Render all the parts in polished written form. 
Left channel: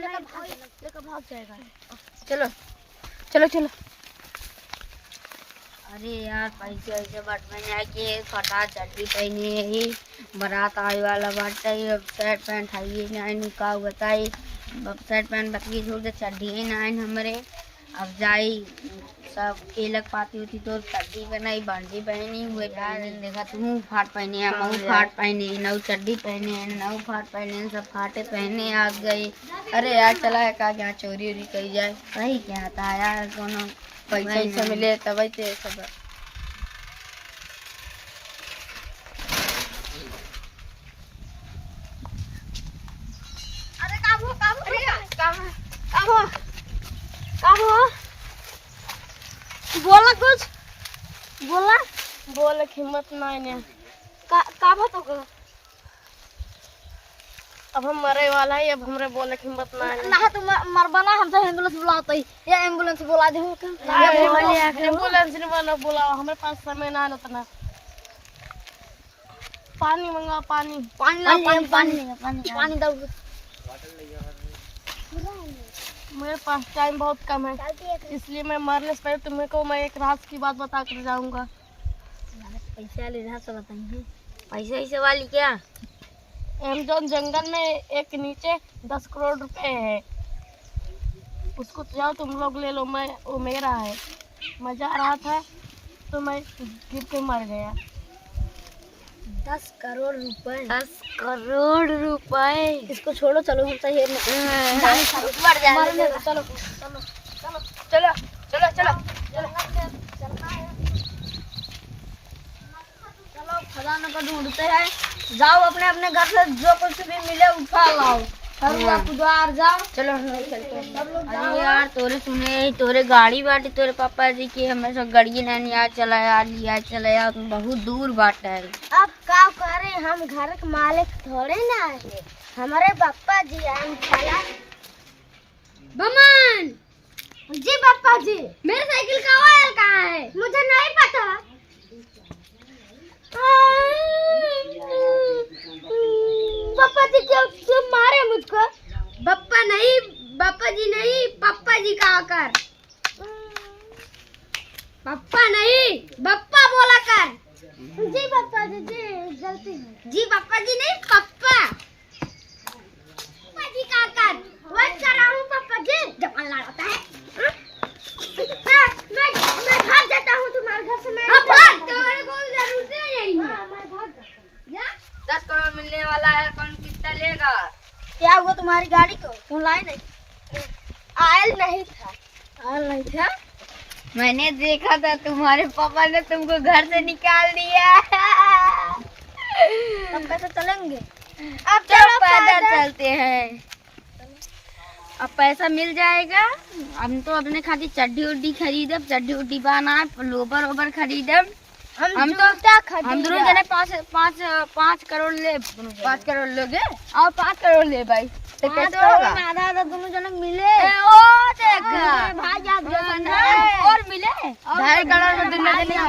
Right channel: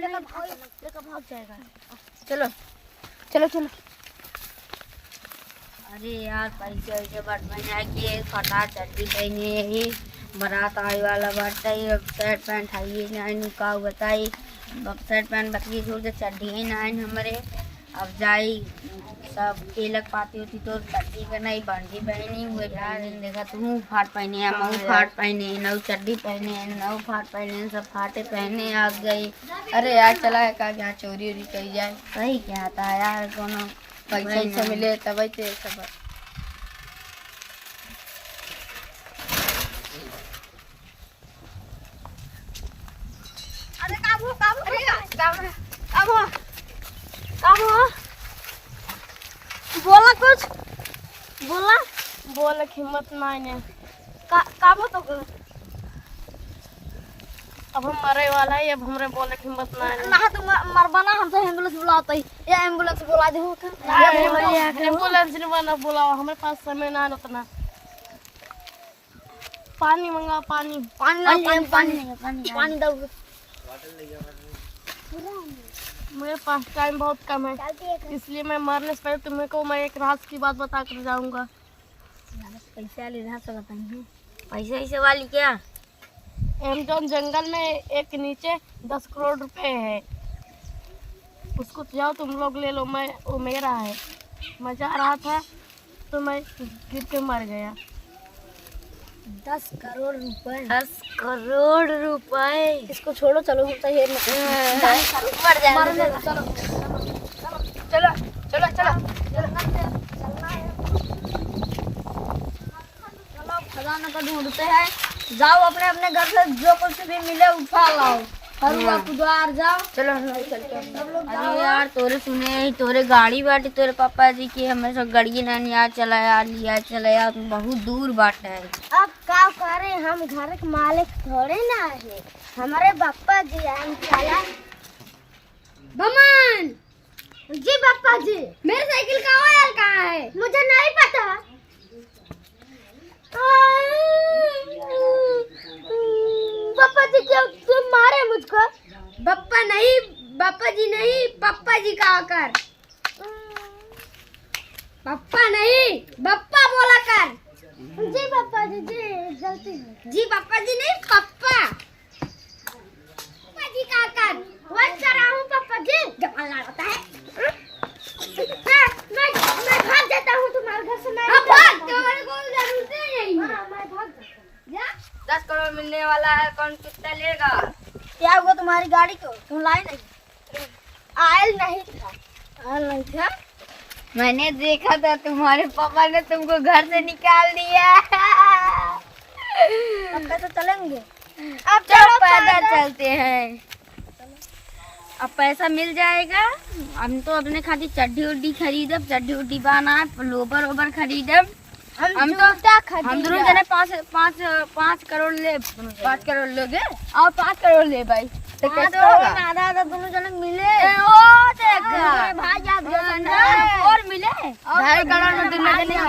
लेकर भाग जाएगा। चलो चलो चलो। अरे यार पैसे वैसे बटवाने की फटा चड्डी पहनी है ही बारात आने वाला बात है। अब शर्ट पैंट है नहीं का बताई शर्ट पैंट बकरी छोड़ दे चड्डी ही नहीं हमारे। अब जाई सब केलक पाती होती तो चड्डी बनाई बंडी पहनी हुए यार देखा तू फाट पहने है मऊ फाट पहने नऊ चड्डी पहने नऊ फाट पहने सब फाटे पहने आ गई। अरे यार चला है का यहाँ चोरी वोरी करी जाए सही क्या था यार कोनो पैसा मिले तब सब। अरे काबू काबू काबू काबू काबू बोला कुछ बोला बोले हिम्मत नहीं ने काबू तो अब हम मरे वाला है। अब हमरे बोले हिम्मत नहीं ना तुम मरबाना हम तो एम्बुलेंस बुलाते ही ये एम्बुलेंस बुला दे हो का एम्बुलेंस नहीं बना बुलाओ हमारे पास समय ना उतना। पानी मंगा पानी पानी पानी पानी पानी पानी दो मेरे पास टाइम बहुत कम है इसलिए मैं मरने से पहले तुम्हें को मैं एक राज की बात बता कर जाऊंगा। पैसे वाली राज से बताइए पैसे ऐसे वाली क्या एमेजॉन जंगल में एक नीचे 10 करोड़ रुपए है उसको जाओ तुम लोग ले लो। मैं वो मेरा है मैं जा रहा था तो मैं गिर के मर गया। 10 करोड़ रुपए 10 करोड़ रुपए इसको छोड़ो चलो हम सही मर जाएंगे। चलो चलो चलो चलो चलो खजाना का ढूंढते हैं। जाओ अपने अपने घर से जो कुछ भी मिले उठा लाओ द्वार जाओ। चलो चलते हैं यार तोरे सुने तोरे गाड़ी बाटे तोरे पापा जी की हमेशा गाड़ी नहीं यार चलाया लिया चलाया तुम बहुत दूर बाटे है। अब क्या करे हम घर के मालिक थोड़े ना है हमारे पापा जी हम चला बमन जी पापा जी मेरे साइकिल का ऑयल कहाँ है मुझे नहीं पता। पापा जी क्यों मारे मुझको पापा नहीं पापा जी नहीं पापा जी का आकर पापा नहीं पापा बोला कर जी पापा जी जी गलती जी पापा जी नहीं पापा पापा जी का आकर वही कर रहा हूँ पापा जी जब लड़ाता है मैं भाग जाता हूँ तुम्हारे घर से। मैं भाग तुम्हारे को जरूरत नहीं है मैं भाग जाता 10 करोड़ मिलने वाला है कौन कितना लेगा। क्या हुआ तुम्हारी गाड़ी को तुम लाए नहीं आयल नहीं था मैंने देखा था तुम्हारे पापा ने तुमको घर से निकाल दिया। अब कैसे चलेंगे अब चलो पैदल चलते हैं। अब पैसा मिल जाएगा हम तो अपने खातिर चड्डी उड्डी खरीदब चड्डी उड्डी बना लोबर ओबर खरीदब हम दोनों जने 5 करोड़ ले 5 करोड़ लोगे और 5 करोड़ ले भाई तो कैसे होगा आधा दोनों जने मिले और मिले 2.5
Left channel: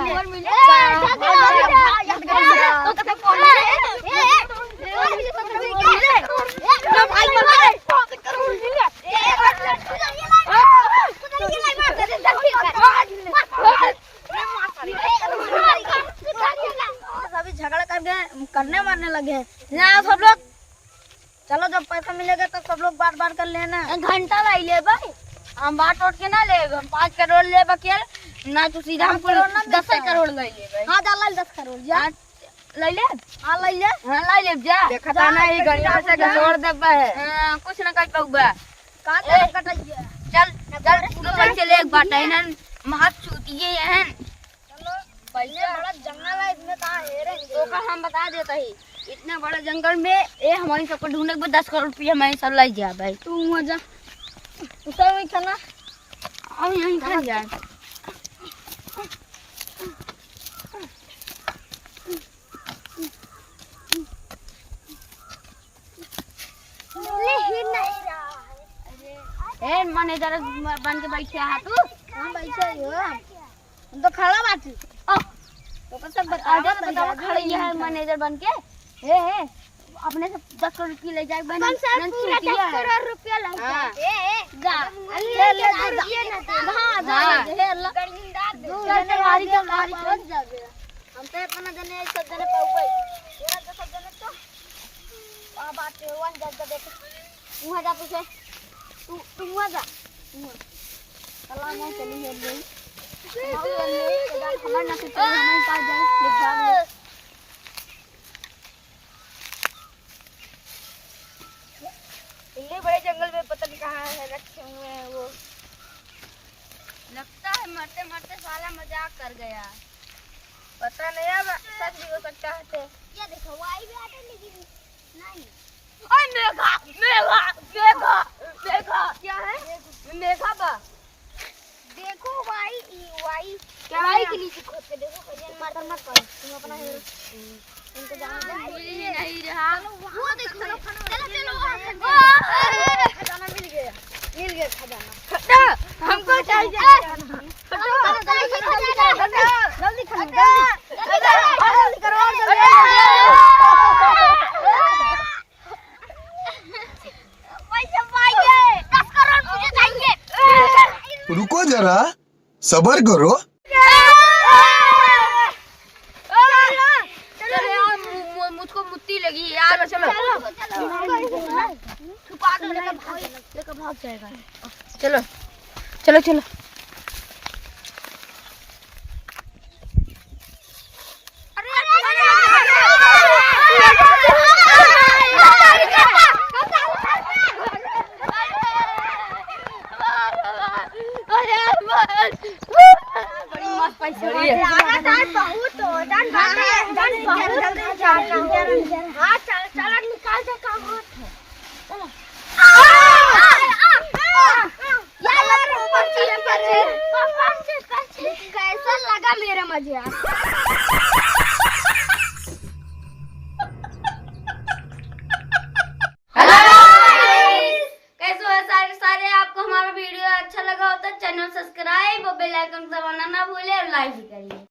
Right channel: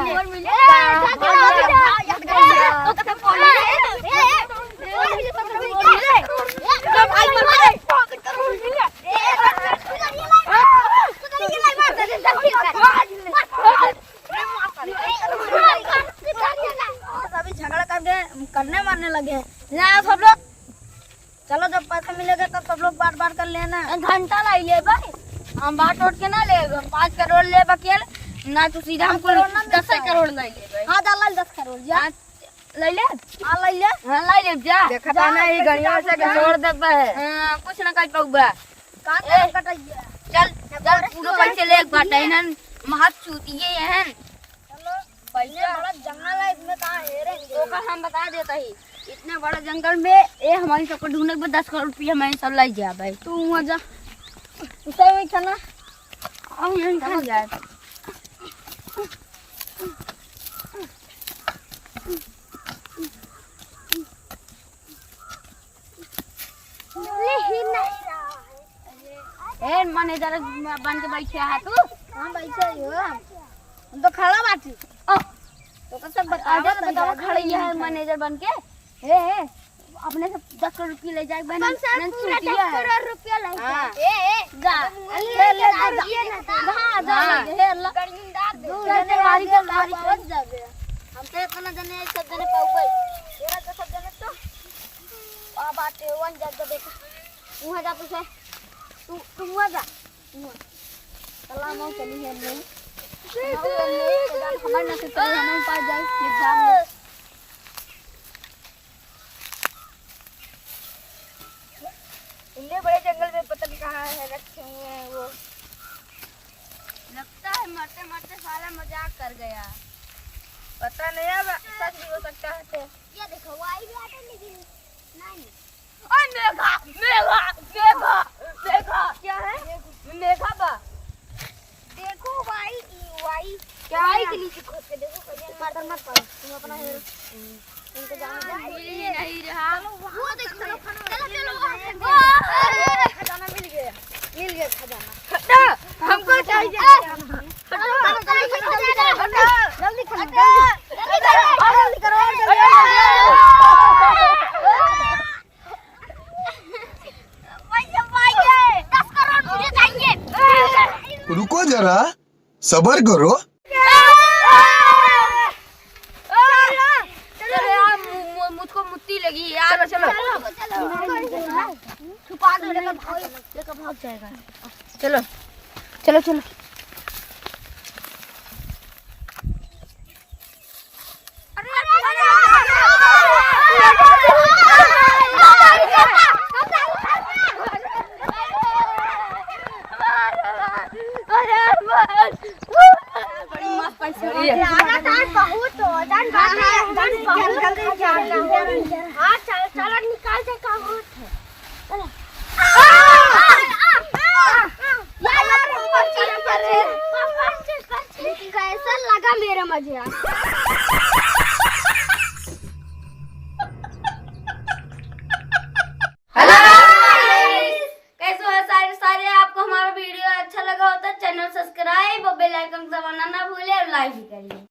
करोड़ में दोनों जने और मिले सभी झगड़ा करने मारने लगे हैं सब लोग। चलो जब पैसा मिलेगा तब सब लोग बात कर लेना घंटा लाई ले भाई हम बात उठ के ना ले 5 करोड़ ले बकेल ना तू सीधा हमको 10 करोड़ ले ले भाई। हाँ डाल 10 करोड़ जा ले ले हाँ ले ले हाँ ले ले जा देखा था ना ये गड़िया से छोड़ दे है कुछ ना कर पाऊंगा चल चल पूरा पैसे ले एक बात है ना महत चूतिए हैं। चलो पैसे बड़ा जंगल है इसमें कहाँ है तो का हम बता देता ही इतने बड़े जंगल में ये हमारी सबको ढूंढने के 10 करोड़ रुपया हमारे सब लाई जा भाई तू वहाँ जा उसे वही चलना हम यहीं चल जाए। मैनेजर बन के बैठे है तू कहाँ बैठे हो हम तो खड़ा बात तो सब बता दे खड़ी है मैनेजर बन के हे अपने से 10 करोड़ रुपया ले जाए बहन पूरा 10 करोड़ रुपया ले जा हम तो इतना जने सब जने पाऊ गए तेरा तो सब जने तो आ बाटे वन जग देख तू जा पूछो तू जा चला ना चली है नहीं हमारे ना से चले नहीं पा जाए इतने बड़े जंगल में पता नहीं कहाँ है रखे हुए हैं वो लगता है मरते मरते साला मजाक कर गया पता नहीं अब सच भी हो सकता है तो ये देखो वाई भी आते लेकिन नहीं ओए मेघा मेघा मेघा मेघा क्या है मेघा बा देखो वाई वाई क्या वाई के नीचे खोद के देखो कहीं मत मत करो तुम अपना हेरो इनको जाने नहीं रहा वो देख चलो खजाना मिल गया खजाना हमको चाहिए जल्दी खजाना जल्दी करो पैसे पाएंगे 10 करोड़ मुझे चाहिए रुको जरा सब्र करो मुझको मुट्ठी लगी यार चलो छुपा दो लेकर भाग जाएगा चलो चलो चलो बड़ी मस्त पैसे बहुत हाँ चल निकाल दे का चलो कैसा लगा मेरा मजा सारे आपको हमारा वीडियो अच्छा लगा हो तो चैनल सब्सक्राइब और बेल आइकन दबाना ना भूले और लाइक भी करिए।